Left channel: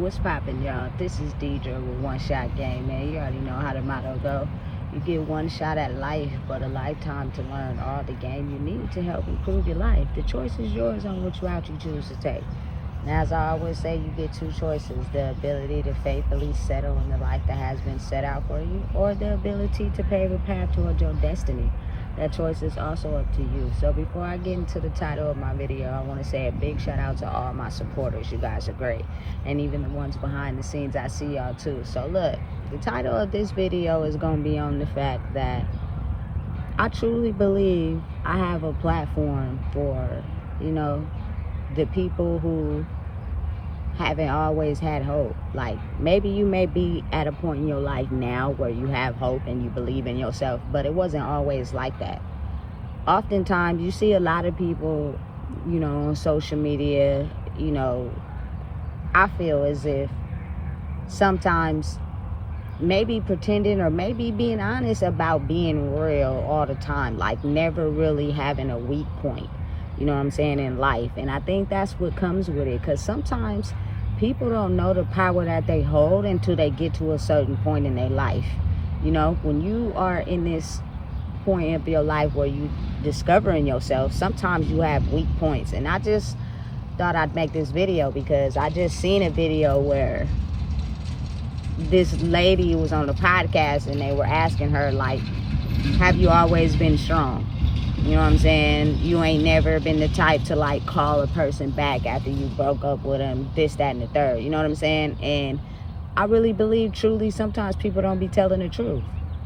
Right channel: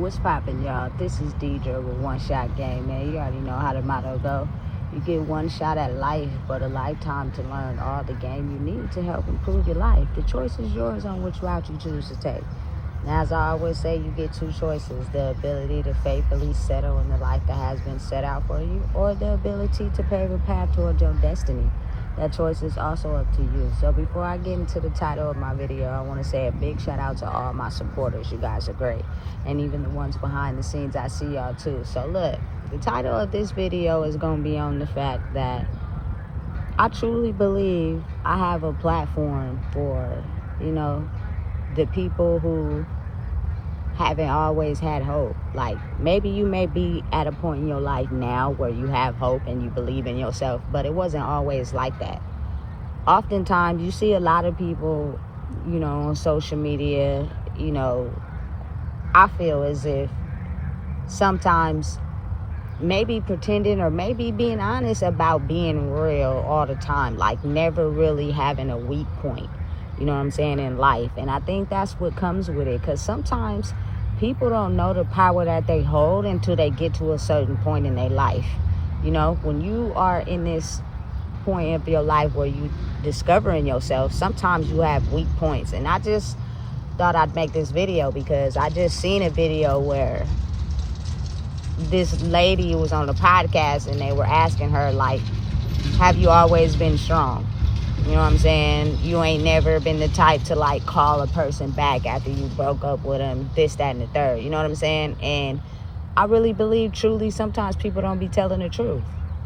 What's poppin', y'all? This is Deidre with One Shot Game, man. You already know how the motto go. You get one shot at life, but a lifetime to learn all the game you need to help improve your life. The choice is yours on which route you choose to take. And as I always say, you get two choices: the ability to faithfully settle in the life that has been set out for you, or the ability to pave a path towards your destiny. That choice is also up to you. So before I get into the title of my video, I want to say a big shout out to all my supporters. You guys are great. And even the ones behind the scenes, I see y'all too. So look, the title of this video is going to be on the fact that I truly believe I have a platform for, the people who haven't always had hope. Like, maybe you may be at a point in your life now where you have hope and you believe in yourself, but it wasn't always like that. Oftentimes you see a lot of people, on social media, I feel as if sometimes maybe pretending or maybe being honest about being real all the time, like never really having a weak point, in life. And I think that's what comes with it, because sometimes people don't know the power that they hold until they get to a certain point in their life. When you are in this point of your life where you discovering yourself, sometimes you have weak points. And I just thought I'd make this video because I just seen a video where this lady was on a podcast and they were asking her, like, have you always been strong? You know what I'm saying? You ain't never been the type to, like, call a person back after you broke up with them, this, that, and the third. You know what I'm saying? And I really believe, truly, sometimes people don't be telling the truth.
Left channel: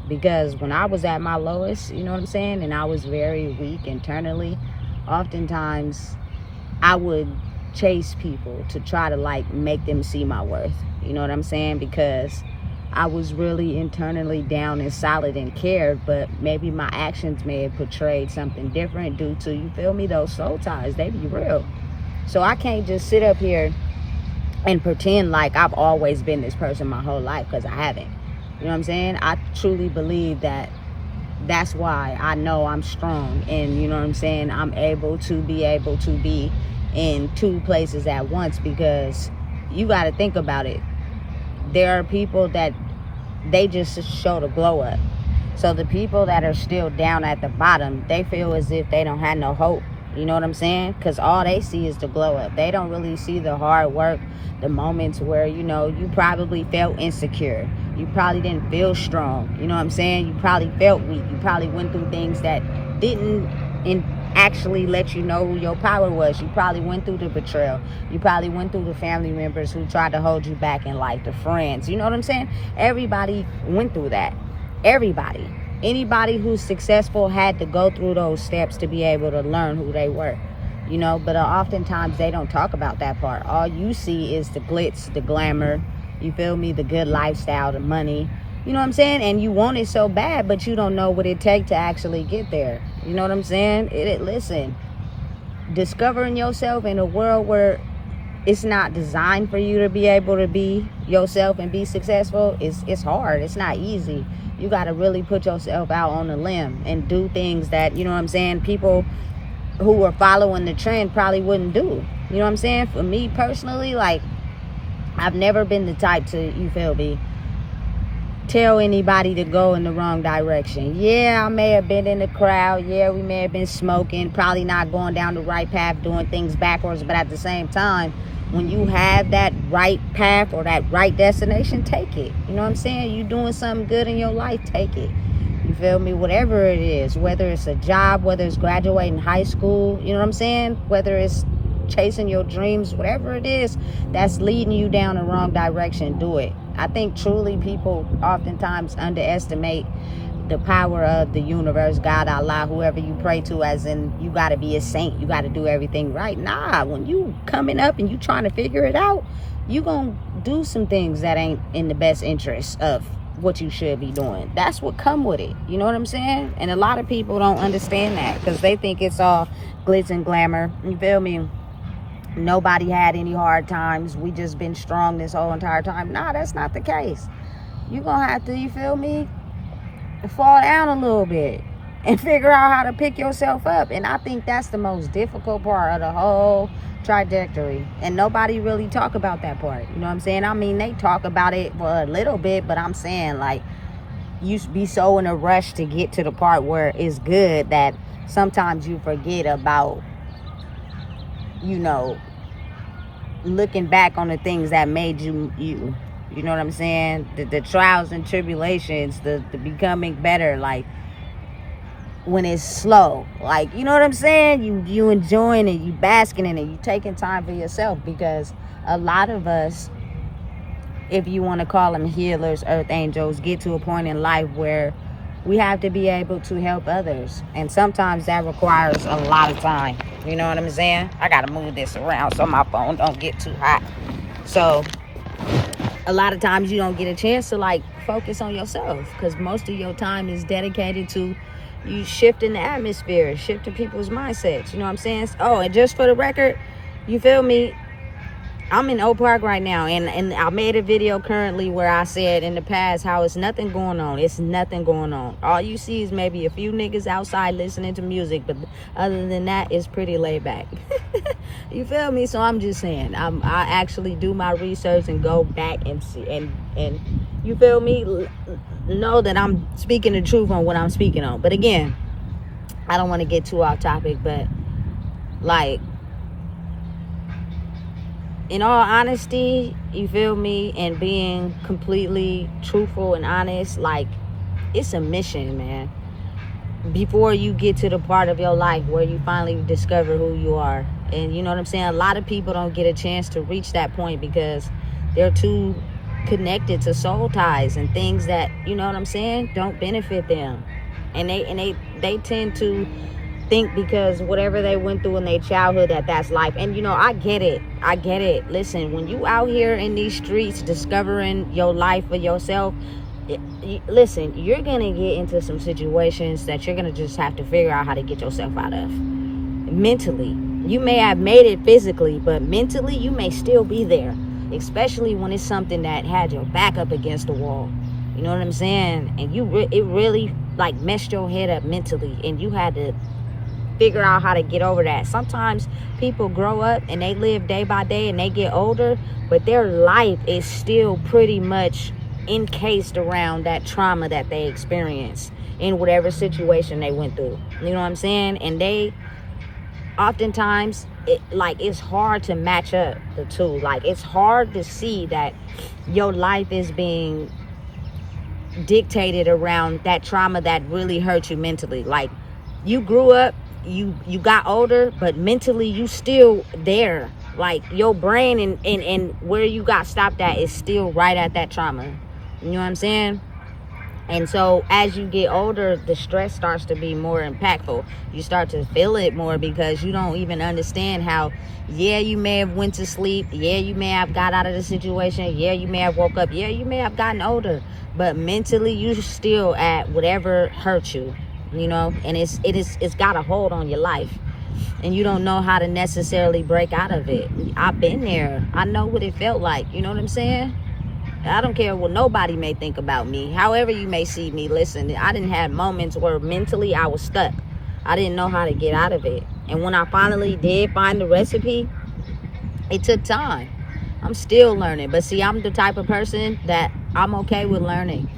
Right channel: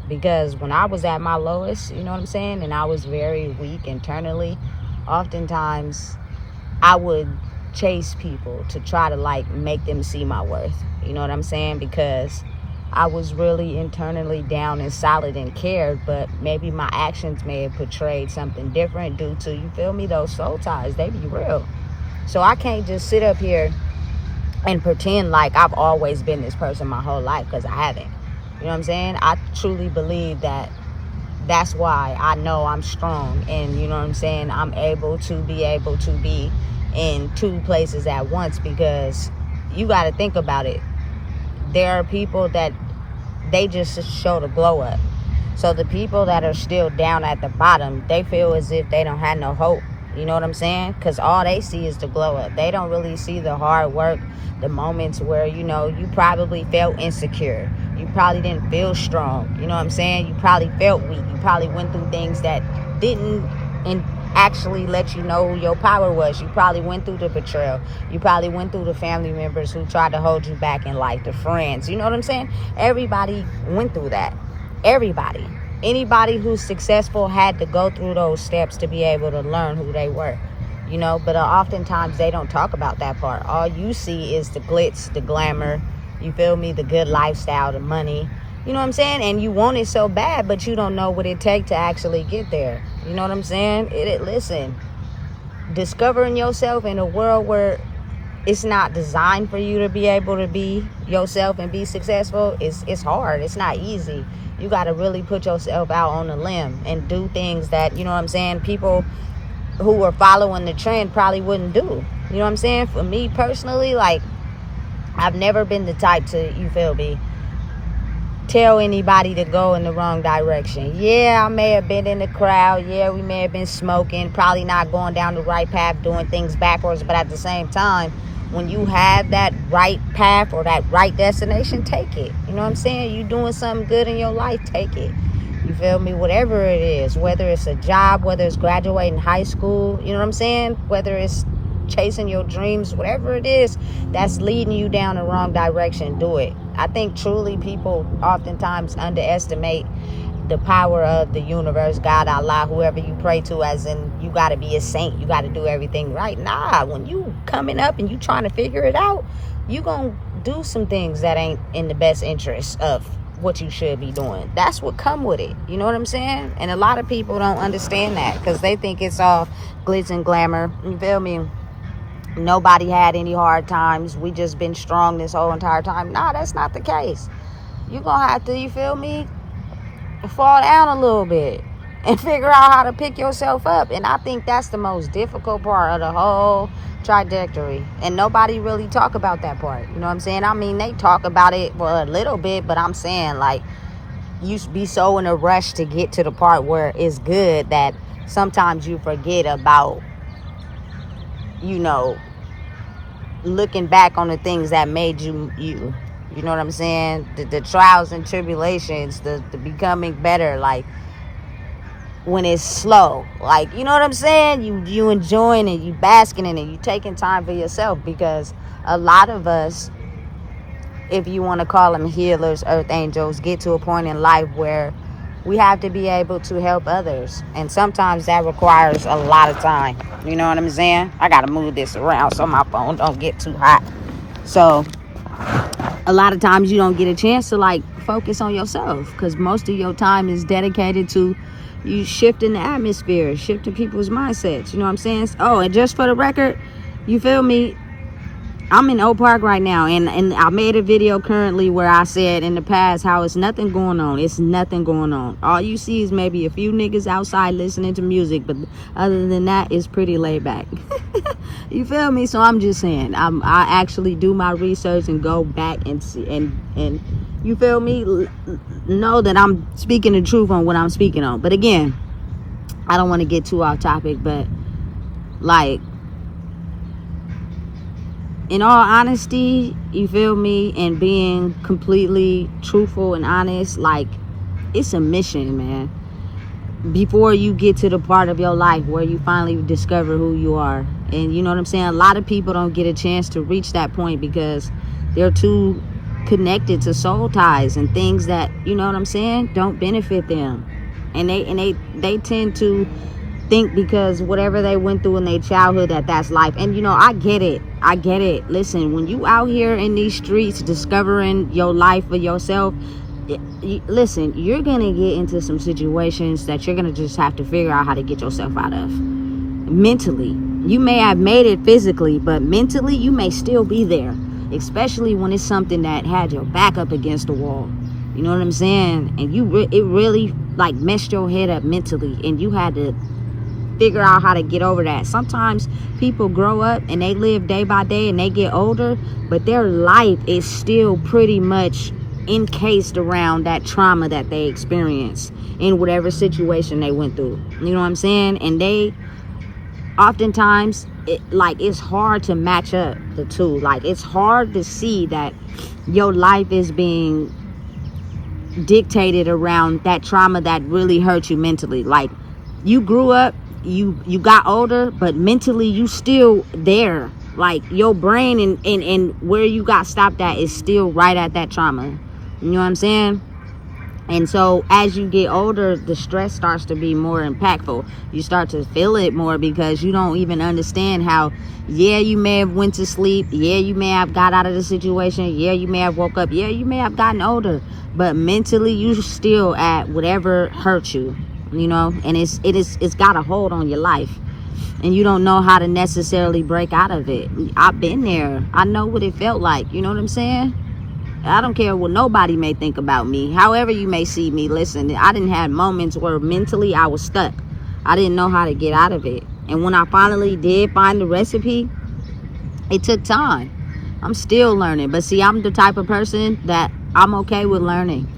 Because when I was at my lowest, you know what I'm saying, and I was very weak internally, oftentimes I would chase people to try to, like, make them see my worth. You know what I'm saying? Because I was really internally down and solid and cared, but maybe my actions may have portrayed something different due to, you feel me, those soul ties. They be real. So I can't just sit up here and pretend like I've always been this person my whole life, because I haven't. You know what I'm saying? I truly believe that that's why I know I'm strong, and you know what I'm saying, I'm able to be in two places at once, because you got to think about it. There are people that they just show the glow up. So the people that are still down at the bottom, they feel as if they don't have no hope. You know what I'm saying? Because all they see is the glow up. They don't really see the hard work, the moments where, you probably felt insecure. You probably didn't feel strong. You know what I'm saying? You probably felt weak. You probably went through things that didn't actually let you know who your power was. You probably went through the betrayal. You probably went through the family members who tried to hold you back in life, the friends. You know what I'm saying? Everybody went through that. Everybody. Anybody who's successful had to go through those steps to be able to learn who they were. But oftentimes they don't talk about that part. All you see is the glitz, the glamour, you feel me, the good lifestyle, the money. You know what I'm saying? And you want it so bad, but you don't know what it takes to actually get there. You know what I'm saying? Listen, discovering yourself in a world where it's not designed for you to be able to be yourself and be successful, it's hard. It's not easy. You got to really put yourself out on a limb and do things that, you know what I'm saying, people who are following the trend probably wouldn't do. You know what I'm saying? For me personally, like, I've never been the type to, you feel me, tell anybody to go in the wrong direction. Yeah, I may have been in the crowd. Yeah, we may have been smoking, probably not going down the right path, doing things backwards. But at the same time, when you have that right path or that right destination, take it. You know what I'm saying? You doing something good in your life, take it. You feel me? Whatever it is, whether it's a job, whether it's graduating high school, you know what I'm saying? Whether it's chasing your dreams, whatever it is that's leading you down the wrong direction, do it. I think truly people oftentimes underestimate the power of the universe, God, Allah, whoever you pray to, as in you got to be a saint, you got to do everything right. Nah, when you coming up and you trying to figure it out, you gonna do some things that ain't in the best interest of what you should be doing. That's what come with it. You know what I'm saying? And a lot of people don't understand that because they think it's all glitz and glamour. You feel me? Nobody had any hard times. We just been strong this whole entire time. Nah, that's not the case. You're gonna have to, you feel me, fall down a little bit. and figure out how to pick yourself up. And I think that's the most difficult part of the whole trajectory, and nobody really talk about that part. You know what I'm saying? I mean, they talk about it for a little bit, but I'm saying, like, you be so in a rush to get to the part where it's good that sometimes you forget about, you know, looking back on the things that made you you. You know what I'm saying? The trials and tribulations, the becoming better, like, when it's slow, like, you know what I'm saying, you enjoying it, you basking in it, you taking time for yourself. Because a lot of us, if you want to call them healers, earth angels, get to a point in life where we have to be able to help others, and sometimes that requires a lot of time. You know what I'm saying? I gotta move this around so my phone don't get too hot. So a lot of times you don't get a chance to, like, focus on yourself, because most of your time is dedicated to you shifting the atmosphere, shifting people's mindsets. You know what I'm saying? Oh, and just for the record, you feel me, I'm in Oak Park right now, and I made a video currently where I said in the past how it's nothing going on. It's nothing going on. All you see is maybe a few niggas outside listening to music, but other than that, it's pretty laid back. You feel me? So I'm just saying, I actually do my research and go back and see, and you feel me? Know that I'm speaking the truth on what I'm speaking on. But again, I don't want to get too off topic, but, like, in all honesty, you feel me, and being completely truthful and honest, like, it's a mission, man, before you get to the part of your life where you finally discover who you are. And you know what I'm saying, a lot of people don't get a chance to reach that point because they're too connected to soul ties and things that, you know what I'm saying, don't benefit them. And they tend to think because whatever they went through in their childhood, that's life. And you know, I get it. Listen, when you out here in these streets discovering your life for yourself, listen, you're gonna get into some situations that you're gonna just have to figure out how to get yourself out of. Mentally, you may have made it physically, but mentally you may still be there, especially when it's something that had your back up against the wall. You know what I'm saying? And it really, like, messed your head up mentally, and you had to figure out how to get over that. Sometimes people grow up and they live day by day and they get older, but their life is still pretty much encased around that trauma that they experienced in whatever situation they went through. You know what I'm saying? And they oftentimes, it's hard to match up the two. Like, it's hard to see that your life is being dictated around that trauma that really hurt you mentally. Like, you grew up, you got older, but mentally you still there. Like, your brain and where you got stopped at is still right at that trauma. You know what I'm saying? And so as you get older, the stress starts to be more impactful. You start to feel it more because you don't even understand how, yeah, you may have went to sleep, yeah, you may have got out of the situation, yeah, you may have woke up, yeah, you may have gotten older, but mentally you still at whatever hurt you. You know, and it's got a hold on your life, and you don't know how to necessarily break out of it. I've been there. I know what it felt like. You know what I'm saying? I don't care what nobody may think about me, however you may see me. Listen, I didn't have moments where mentally I was stuck. I didn't know how to get out of it, and when I finally did find the recipe, it took time. I'm still learning, but see, I'm the type of person that I'm okay with learning.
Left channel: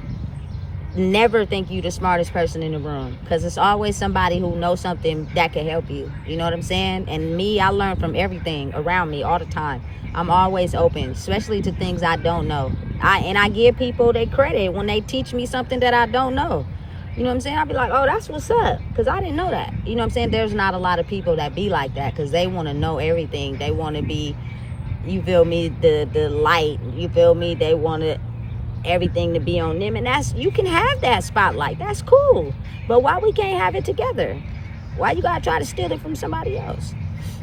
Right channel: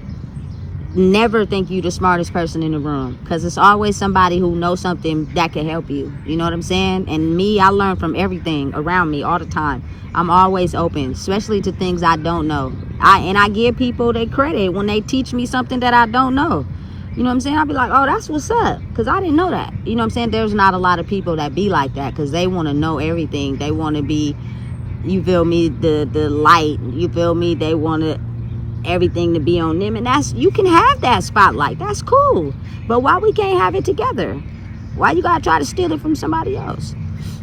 Never think you the smartest person in the room, because it's always somebody who knows something that can help you. You know what I'm saying? And me, I learn from everything around me all the time. I'm always open, especially to things I don't know. I give people their credit when they teach me something that I don't know. You know what I'm saying? I'll be like, oh, that's what's up, because I didn't know that. You know what I'm saying? There's not a lot of people that be like that, because they want to know everything. They want to be, you feel me, the light. You feel me? They want to everything to be on them, and that's, you can have that spotlight, that's cool, but why we can't have it together? Why you gotta try to steal it from somebody else?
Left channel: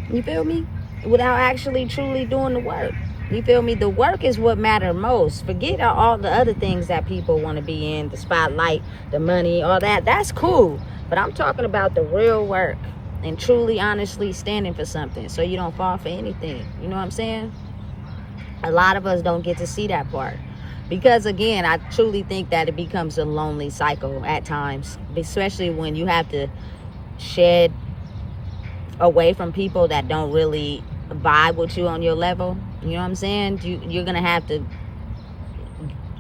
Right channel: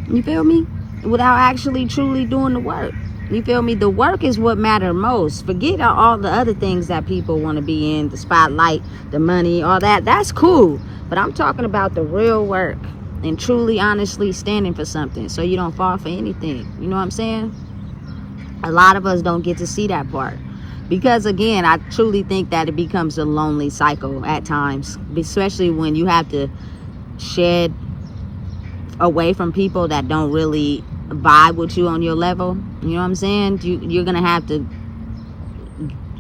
You feel me? Without actually truly doing the work. You feel me? The work is what matters most. Forget all the other things that people want to be in, the spotlight, the money, all that. That's cool, but I'm talking about the real work and truly, honestly standing for something, so you don't fall for anything. You know what I'm saying? A lot of us don't get to see that part. Because again, I truly think that it becomes a lonely cycle at times, especially when you have to shed away from people that don't really vibe with you on your level. You know what I'm saying? You're gonna have to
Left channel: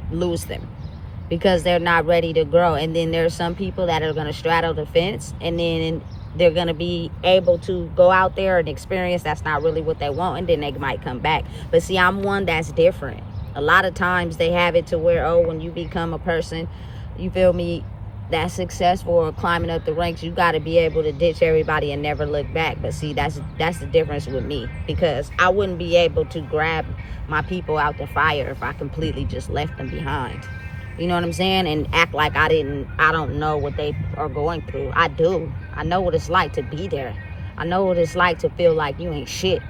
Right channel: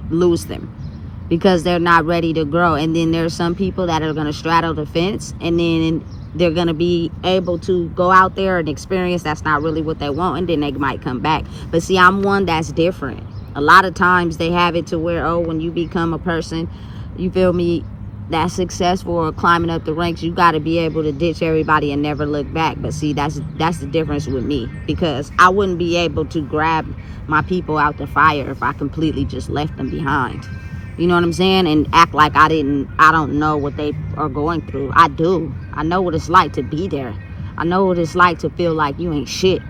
lose them because they're not ready to grow. And then there's some people that are gonna straddle the fence, and then they're gonna be able to go out there and experience that's not really what they want, and then they might come back. But see, I'm one that's different. A lot of times they have it to where, oh, when you become a person, you feel me, that's successful or climbing up the ranks, you got to be able to ditch everybody and never look back. But see, that's the difference with me, because I wouldn't be able to grab my people out the fire if I completely just left them behind. You know what I'm saying? And act like I don't know what they are going through. I do. I know what it's like to be there. I know what it's like to feel like you ain't shit.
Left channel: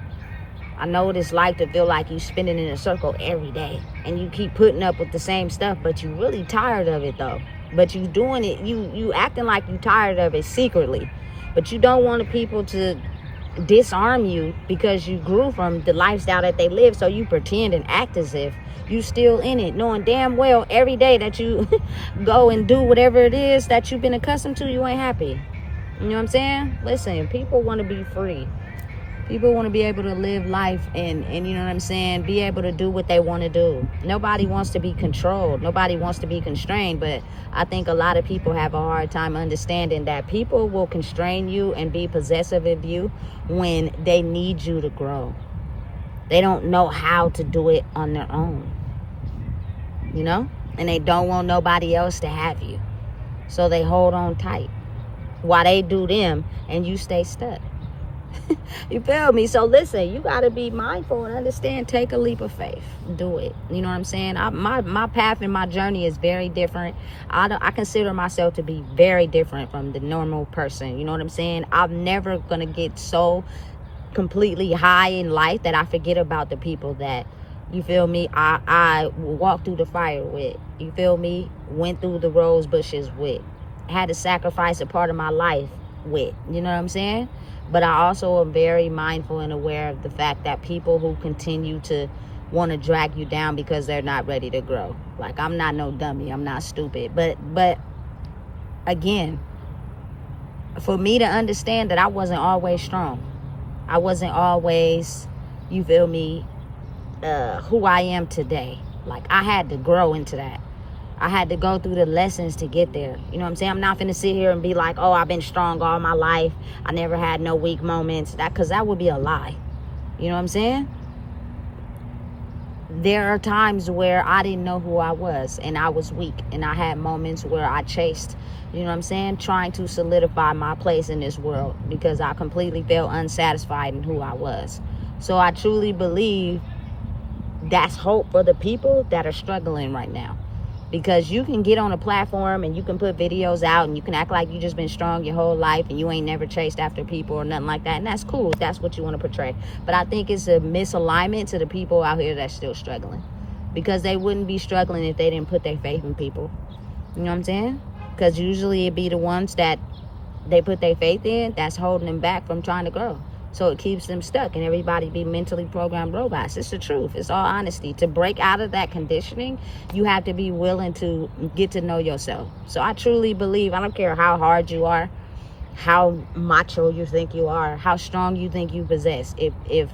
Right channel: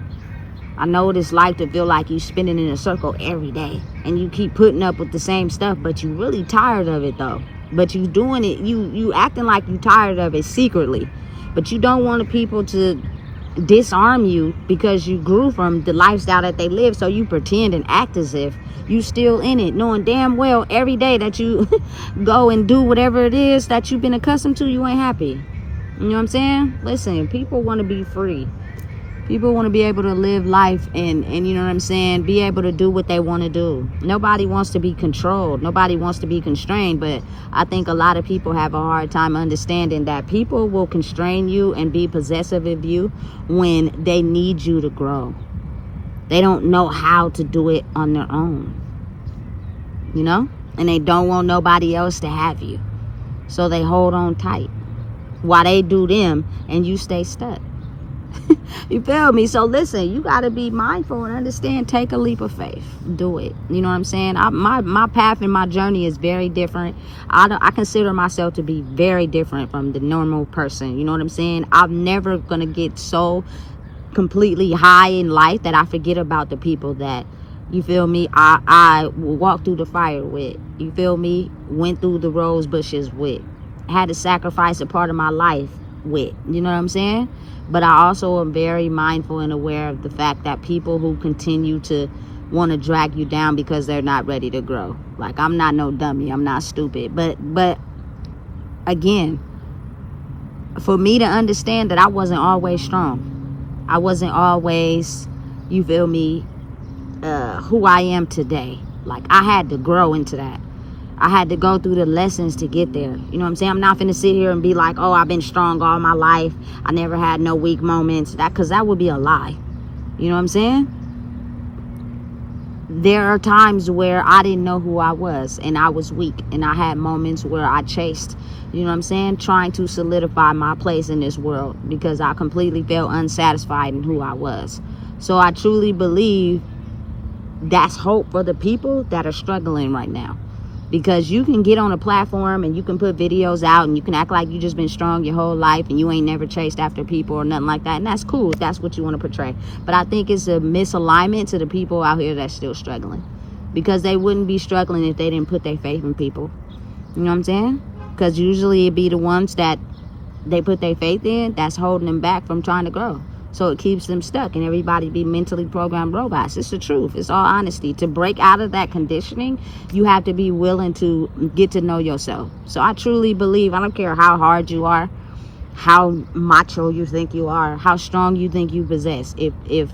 I know what it's like to feel like you spinning in a circle every day and you keep putting up with the same stuff, but you really tired of it though. But you doing it, you acting like you tired of it secretly. But you don't want the people to disarm you because you grew from the lifestyle that they live, so you pretend and act as if you still in it, knowing damn well every day that you go and do whatever it is that you've been accustomed to, you ain't happy. You know what I'm saying? Listen, people want to be free. People want to be able to live life and you know what I'm saying, be able to do what they want to do. Nobody wants to be controlled. Nobody wants to be constrained. But I think a lot of people have a hard time understanding that people will constrain you and be possessive of you when they need you to grow. They don't know how to do it on their own, you know? And they don't want nobody else to have you. So they hold on tight while they do them and you stay stuck. You feel me? So listen, you got to be mindful and understand, take a leap of faith, do it. You know what I'm saying? My path and my journey is very different. I consider myself to be very different from the normal person. You know what I'm saying? I'm never gonna get so completely high in life that I forget about the people that, you feel me, I walked through the fire with. You feel me? Went through the rose bushes with. Had to sacrifice a part of my life with. You know what I'm saying? But I also am very mindful and aware of the fact that people who continue to want to drag you down because they're not ready to grow. Like, I'm not no dummy. I'm not stupid. But again, for me to understand that I wasn't always strong. I wasn't always, you feel me, who I am today. Like, I had to grow into that. I had to go through the lessons to get there. You know what I'm saying? I'm not finna sit here and be like, oh, I've been strong all my life. I never had no weak moments. Because that would be a lie. You know what I'm saying? There are times where I didn't know who I was and I was weak. And I had moments where I chased, you know what I'm saying, trying to solidify my place in this world because I completely felt unsatisfied in who I was. So I truly believe that's hope for the people that are struggling right now. Because you can get on a platform and you can put videos out and you can act like you just been strong your whole life and you ain't never chased after people or nothing like that. And that's cool if that's what you want to portray. But I think it's a misalignment to the people out here that's still struggling. Because they wouldn't be struggling if they didn't put their faith in people. You know what I'm saying? Because usually it'd be the ones that they put their faith in that's holding them back from trying to grow. So it keeps them stuck and everybody be mentally programmed robots. It's the truth. It's all honesty. To break out of that conditioning, you have to be willing to get to know yourself. So I truly believe, I don't care how hard you are, how macho you think you are, how strong you think you possess. If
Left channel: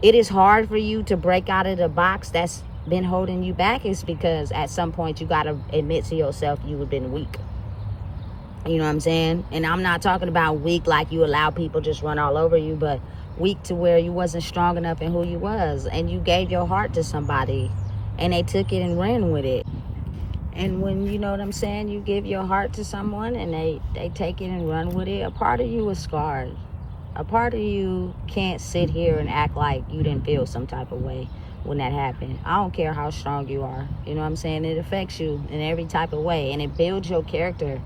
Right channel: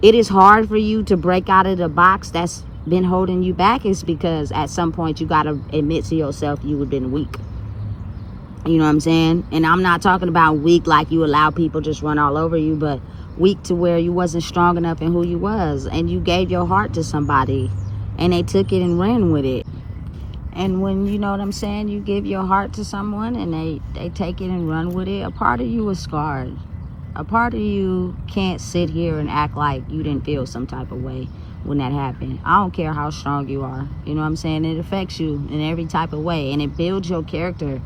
it is hard for you to break out of the box that's been holding you back, it's because at some point you got to admit to yourself you have been weak. You know what I'm saying? And I'm not talking about weak like you allow people just run all over you, but weak to where you wasn't strong enough in who you was. And you gave your heart to somebody and they took it and ran with it. And when, you know what I'm saying, you give your heart to someone and they take it and run with it, a part of you is scarred. A part of you can't sit here and act like you didn't feel some type of way when that happened. I don't care how strong you are. You know what I'm saying? It affects you in every type of way and it builds your character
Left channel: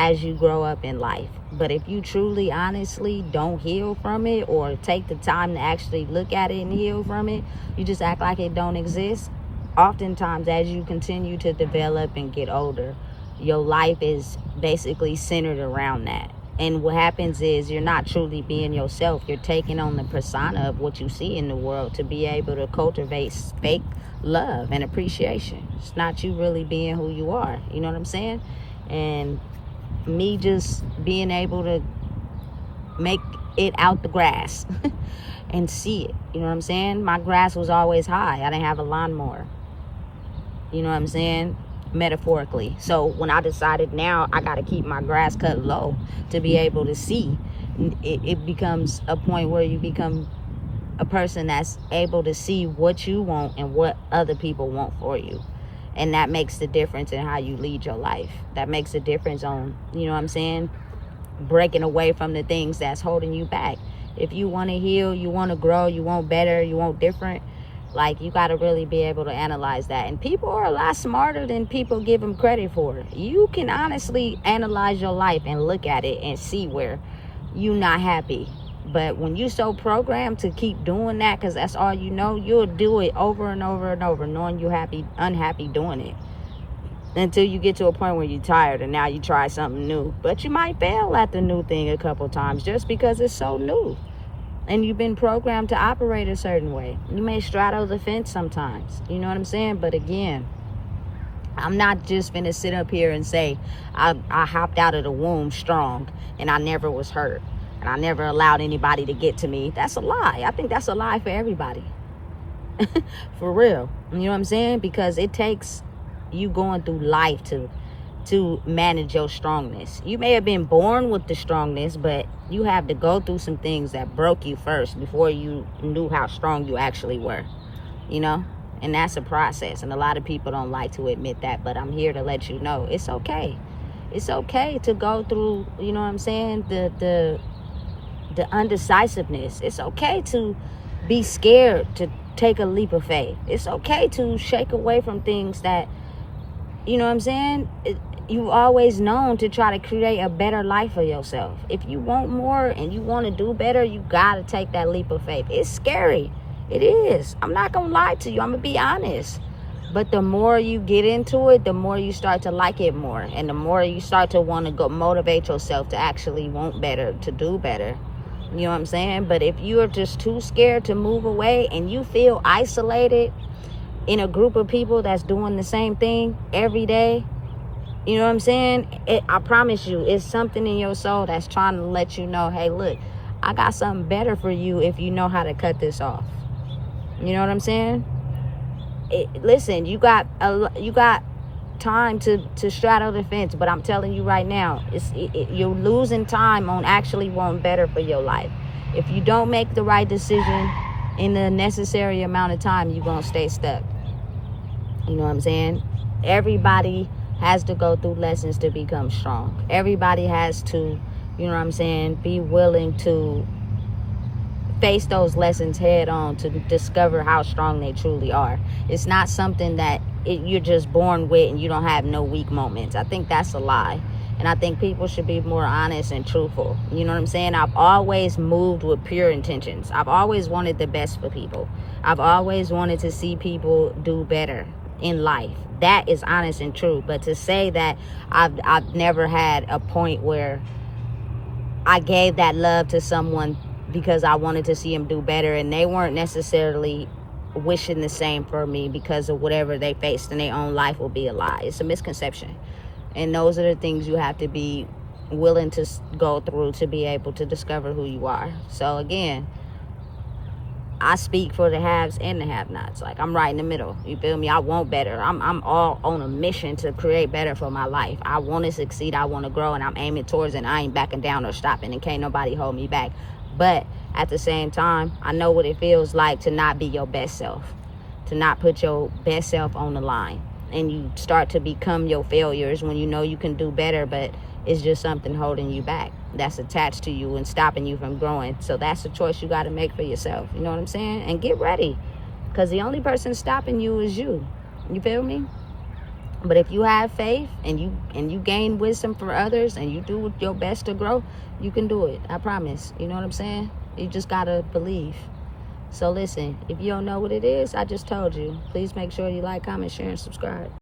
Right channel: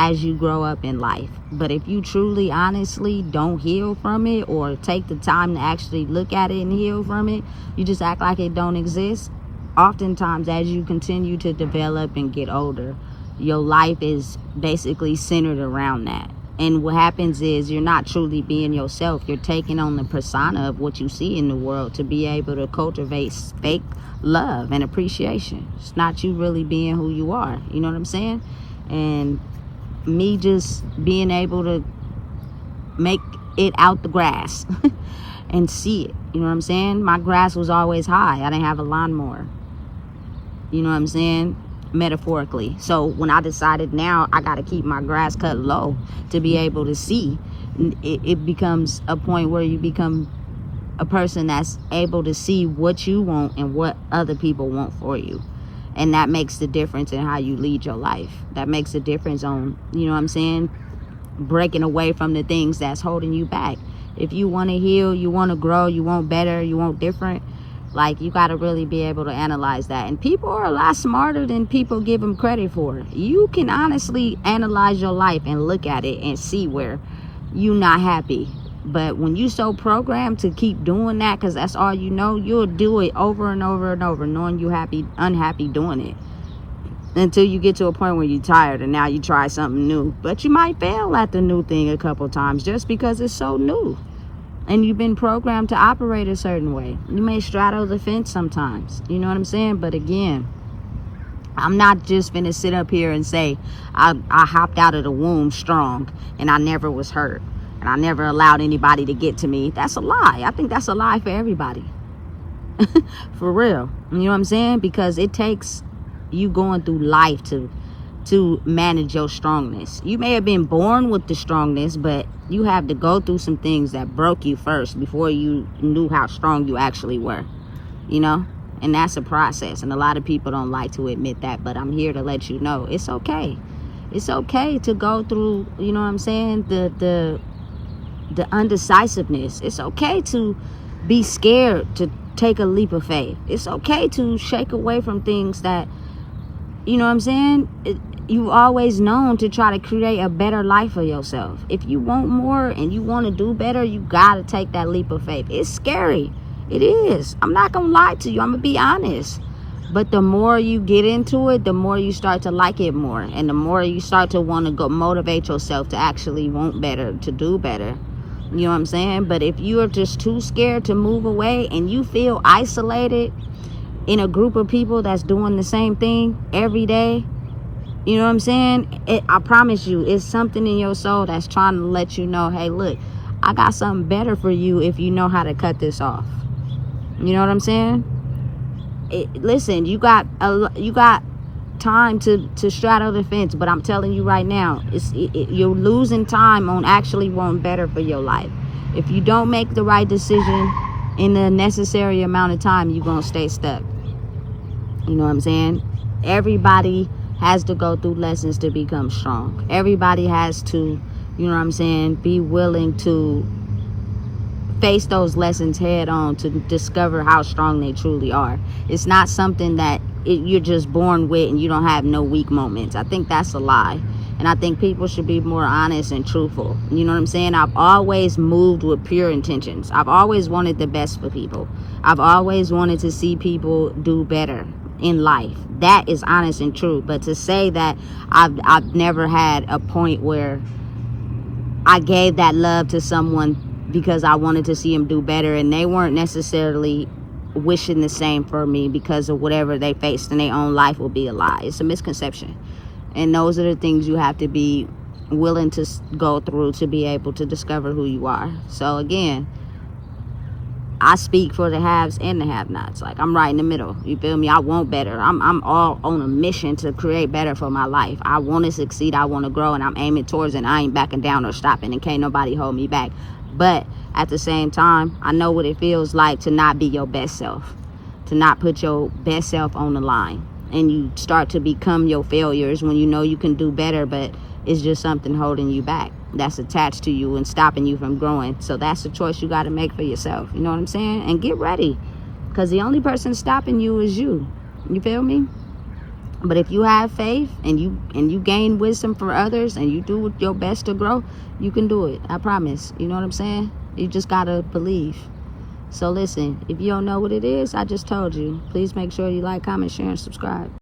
as you grow up in life. But if you truly, honestly don't heal from it or take the time to actually look at it and heal from it, you just act like it don't exist. Oftentimes, as you continue to develop and get older, your life is basically centered around that. And what happens is you're not truly being yourself. You're taking on the persona of what you see in the world to be able to cultivate fake love and appreciation. It's not you really being who you are. You know what I'm saying? And me just being able to make it out the grass and see it. You know what I'm saying? My grass was always high. I didn't have a lawnmower. You know what I'm saying? Metaphorically. So when I decided now I got to keep my grass cut low to be able to see, it becomes a point where you become a person that's able to see what you want and what other people want for you. And that makes the difference in how you lead your life. That makes a difference on, you know what I'm saying, breaking away from the things that's holding you back. If you want to heal, you want to grow, you want better, you want different, like, you got to really be able to analyze that. And people are a lot smarter than people give them credit for. You can honestly analyze your life and look at it and see where you're not happy. But when you so programmed to keep doing that because that's all you know, you'll do it over and over and over, knowing you're unhappy doing it, until you get to a point where you're tired and now you try something new. But you might fail at the new thing a couple times just because it's so new. And you've been programmed to operate a certain way. You may straddle the fence sometimes. You know what I'm saying? But again, I'm not just going to sit up here and say I hopped out of the womb strong and I never was hurt and I never allowed anybody to get to me. That's a lie. I think that's a lie for everybody. For real. You know what I'm saying? Because it takes you going through life to manage your strongness. You may have been born with the strongness, but you have to go through some things that broke you first before you knew how strong you actually were, you know? And that's a process, and a lot of people don't like to admit that, but I'm here to let you know it's okay. It's okay to go through, you know what I'm saying, the undecisiveness. It's okay to be scared to take a leap of faith. It's okay to shake away from things that, you know what I'm saying, you've always known, to try to create a better life for yourself. If you want more and you want to do better, you got to take that leap of faith. It's scary. It is. I'm not going to lie to you. I'm going to be honest. But the more you get into it, the more you start to like it more. And the more you start to want to go motivate yourself to actually want better, to do better. You know what I'm saying? But if you are just too scared to move away and you feel isolated in a group of people that's doing the same thing every day, you know what I'm saying? I promise you, it's something in your soul that's trying to let you know, hey, look, I got something better for you if you know how to cut this off. You know what I'm saying? Listen, you got time to straddle the fence, but I'm telling you right now, you're losing time on actually wanting better for your life. If you don't make the right decision in the necessary amount of time, you're going to stay stuck. You know what I'm saying? Everybody has to go through lessons to become strong. Everybody has to, you know what I'm saying, be willing to face those lessons head on to discover how strong they truly are. It's not something that you're just born with and you don't have no weak moments. I think that's a lie. And I think people should be more honest and truthful. You know what I'm saying? I've always moved with pure intentions. I've always wanted the best for people. I've always wanted to see people do better in life. That is honest and true. But to say that I've never had a point where I gave that love to someone because I wanted to see them do better and they weren't necessarily wishing the same for me because of whatever they faced in their own life will be a lie. It's a misconception. And those are the things you have to be willing to go through to be able to discover who you are. So again, I speak for the haves and the have-nots. Like, I'm right in the middle. You feel me? I want better. I'm all on a mission to create better for my life. I want to succeed. I want to grow, and I'm aiming towards it. I ain't backing down or stopping, and can't nobody hold me back. But at the same time, I know what it feels like to not be your best self, to not put your best self on the line. And you start to become your failures when you know you can do better, but it's just something holding you back that's attached to you and stopping you from growing. So that's a choice you got to make for yourself. You know what I'm saying? And get ready, because the only person stopping you is you. You feel me? But if you have faith and you gain wisdom for others and you do your best to grow, you can do it. I promise. You know what I'm saying? You just got to believe. So listen, if you don't know what it is, I just told you. Please make sure you like, comment, share, and subscribe.